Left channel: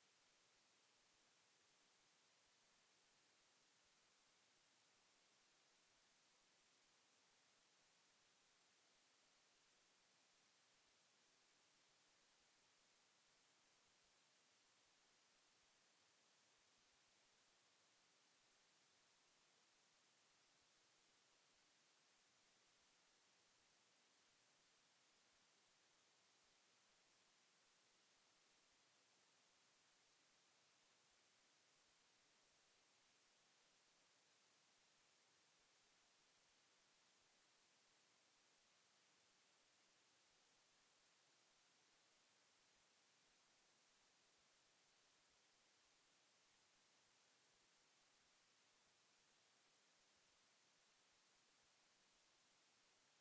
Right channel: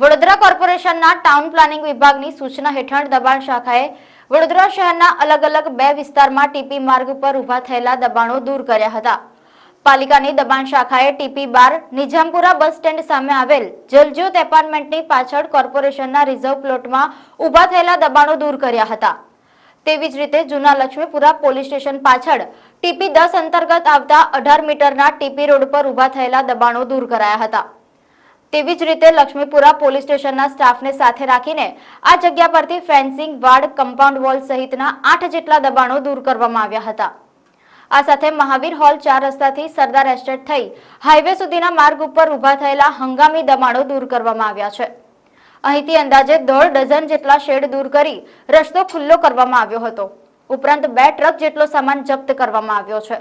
કોર્પોરેશનના town planning વિભાગની સૂચના હેઠળ દબાણ શાખાએ વડોદરા શહેરના અલગ અલગ બે વિસ્તારમાં ટીપી માર્ગ પર ઊભા થયેલા દબાણો દૂર કર્યા હતા. પાલિકાની દબાણ શાખાએ ટીપી બાર નિઝામપુરા બસ સ્ટેન્ડ સામે આવેલ જલજ્યોત એપાર્ટમેન્ટની પાછળ કોર્પોરેશનના રિઝર્વ પ્લોટમાં ઊભા થયેલા દબાણો દૂર કર્યા હતા. તેવી જ રીતે જૂના લક્ષ્મીપુરા પોલીસ સ્ટેશન પાછળ ટીપી દસ અંતર્ગત આવતા અઢાર મીટરના ટીપી રોડ પર ઊભા થયેલા દબાણો દૂર કરાયા હતા. તેવી જ રીતે લક્ષ્મીપુરા પોલીસ સ્ટેશનના સ્ટાફને સાથે રાખીને આ જગ્યા પરથી ફેન્સિંગ, વાડ, કમ્પાઉન્ડ વોલ સહિતના આઠ જેટલા દબાણો દૂર કરવામાં આવ્યા હતા. આ સાથે મહાવીર હોલ ચાર રસ્તાથી સરદાર એસ્ટેટ થઈ હાઈવે સુધીના માર્ગ ઉપર ઊભા થયેલા હંગામી દબાણો દૂર કરવામાં આવ્યા છે. અહીંથી અંદાજે દોઢ ડઝન જેટલા શેડ દૂર કરી રસ્તો ખુલ્લો કરવામાં આવ્યો હતો. ઉપરાંત બે ટ્રક જેટલો સામાન જપ્ત કરવામાં આવ્યો છે.